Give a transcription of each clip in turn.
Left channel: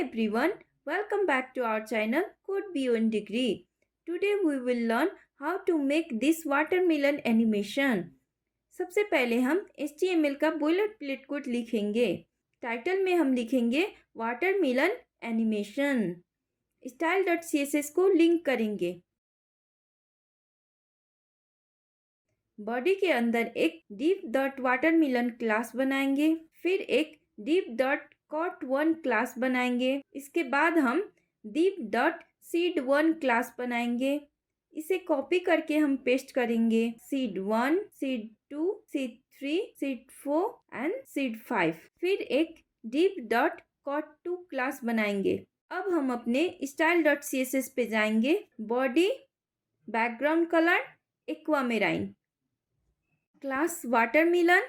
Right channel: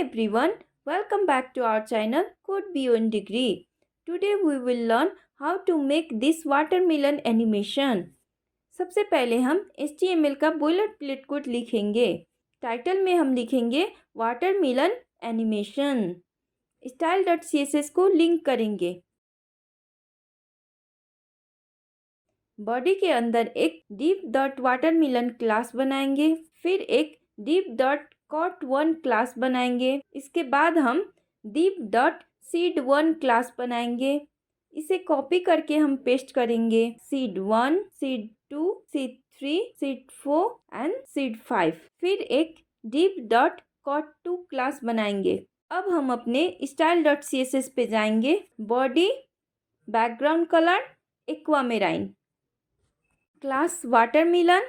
everyone, welcome back to our channel CodeBeyondDegree. Today we will learn how to make this watermelon animation. सबसे पहले हम HTML का बोइलरप्लेट code लिखेंगे. Title में हम लिखेंगे वाटरमेलन एनिमेशन. style.css को लिंक करेंगे. बॉडी के अंदर एक div.watermelon क्लास बनाएंगे. फिर एक div.cot1 क्लास बनाएंगे. इसके बाद हम div.seed1 क्लास बनाएंगे. इसे कॉपी करके हम पेस्ट करेंगे seed1, seed2, seed3, seed4 and seed5. फिर एक div.cot2 क्लास बनाएंगे. अब हम अपने style.css पे जाएंगे. Body, background colour, aquamarine, class watermelon,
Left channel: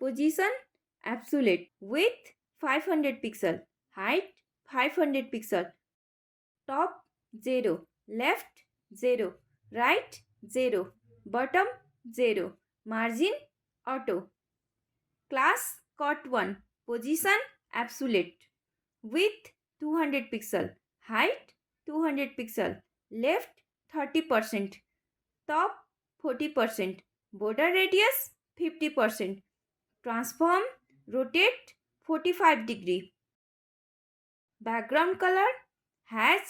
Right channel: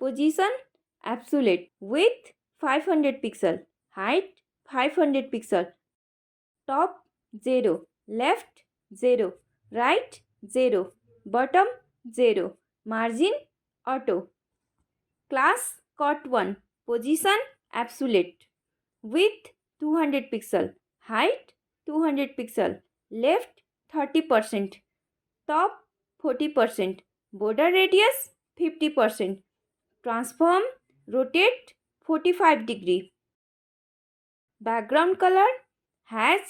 position absolute, width 500 pixel, height 500 pixel, top 0, left 0, right 0, bottom 0, margin auto. Class cot1, position absolute, width 200 pixel, height 200 pixel, left 30%, top 40%, border radius 50%, transform, rotate 45 degree, background color hash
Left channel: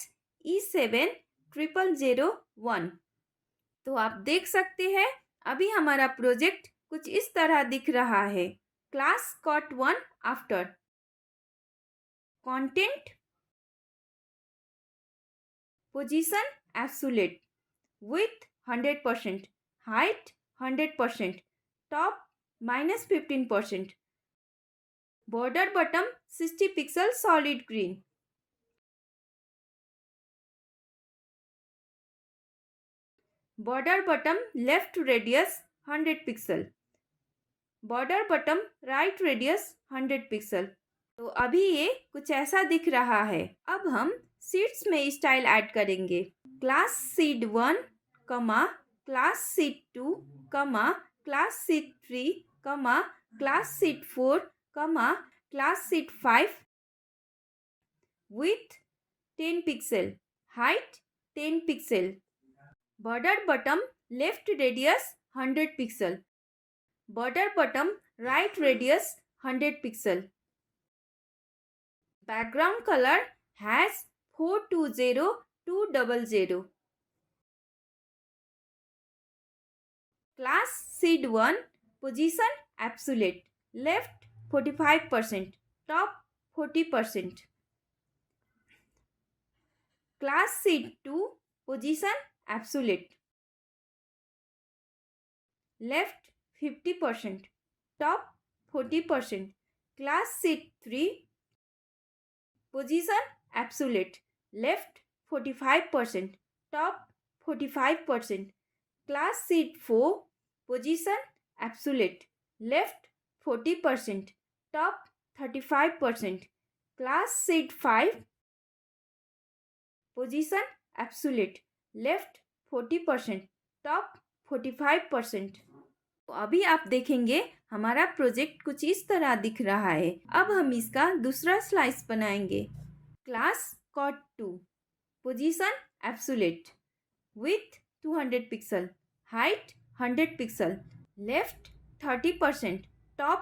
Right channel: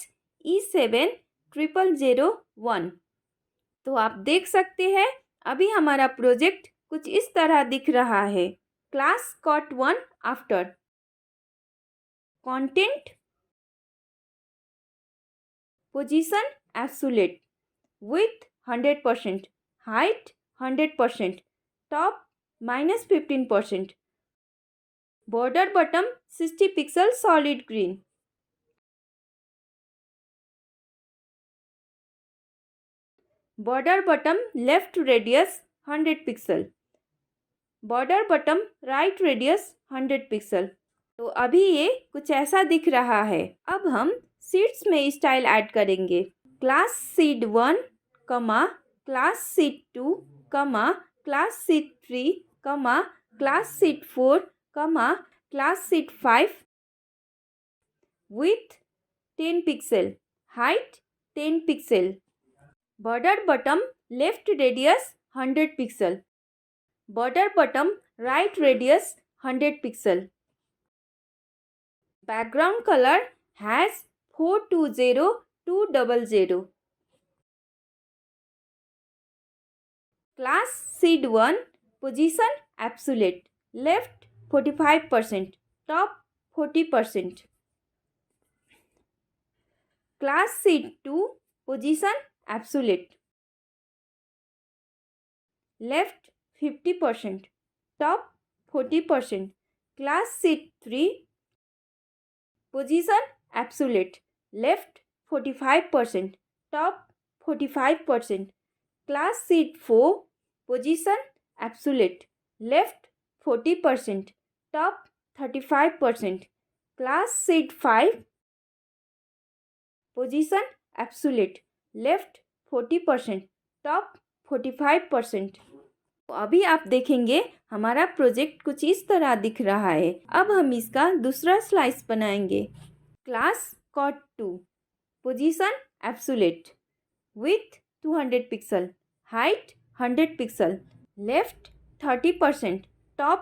E7001. तो आप देख सकते हैं अभी हमारा project कुछ इस तरह दिख रहा है. Class cot1 after, content, position absolute, width 100%, height 100%, top -15%, border button 60 pixel solid green, border button left radius 100 pixel, border button right radius 100 pixel. तो अभी ये कुछ ऐसा दिख रहा है. अब हम सीड्स में स्टाइल ऐड करेंगे. Class seed1, class seed2, class seed3, class seed4, class seed5, width 10 pixel, height 10 pixel, border button left radius 100 pixel, border button right radius 100 pixel, background colour hash 420200, class seed1, position absolute, left 45%, top 40%, class seed2, position absolute, left 50%, top 40%, class seed3, position absolute, left 45%, top 45%, class seed4, position absolute, left 40%, top 35%, class seed5, position absolute, left 40%, top 45%. तो अभी आप देखेंगे हमारा project कुछ इस तरह दिख रहा है. अब हम इसका दूसरा स्लाइस बनाएंगे. Class cot2, position absolute, width 200 pixel, height 100 pixel, left 30%, top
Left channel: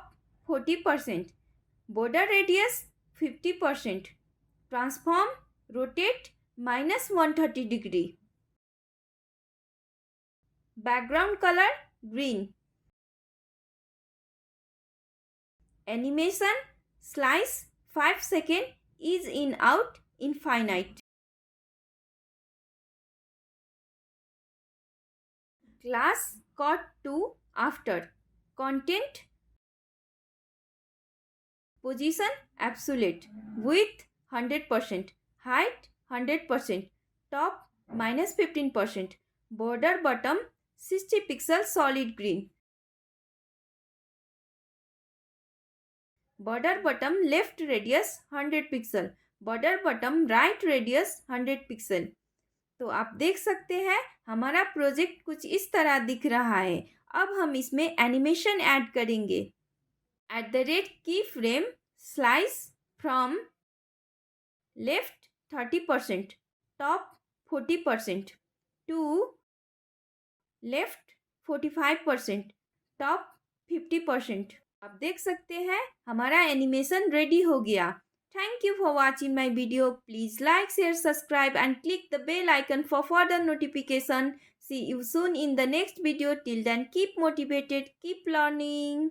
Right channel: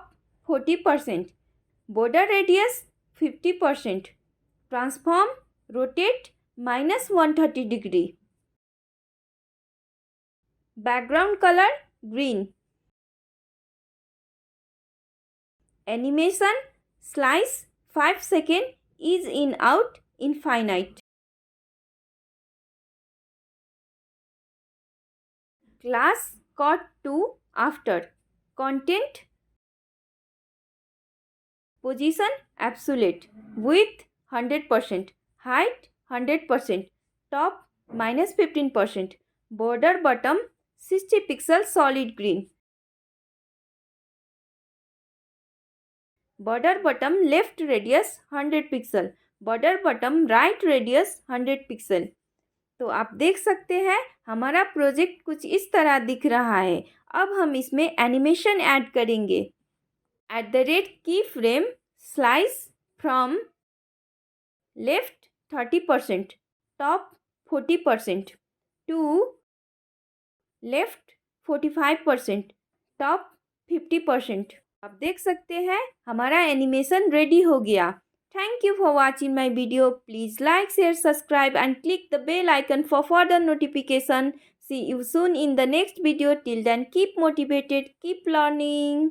40%, border radius 50%, transform, rotate -130 degree, background colour green, animation slice 5 second, is in out infinite. Class cot2 after, content, position absolute, width 100%, height 100%, top -15%, border button 60 pixel solid green, border button left radius 100 pixel, border button right radius 100 pixel. तो आप देख सकते हैं हमारा project कुछ इस तरह दिख रहा है. अब हम इसमें एनिमेशन ऐड करेंगे. @ की frame slice from left 30%, top 40%, to left 45%, top 50%। आप देख सकते हैं हमारा एनिमेशन रेडी हो गया। Thank you for watching my video. Please like, share, subscribe and click the bell icon for further notification. See you soon in the next video. Till then, keep motivated, keep learning.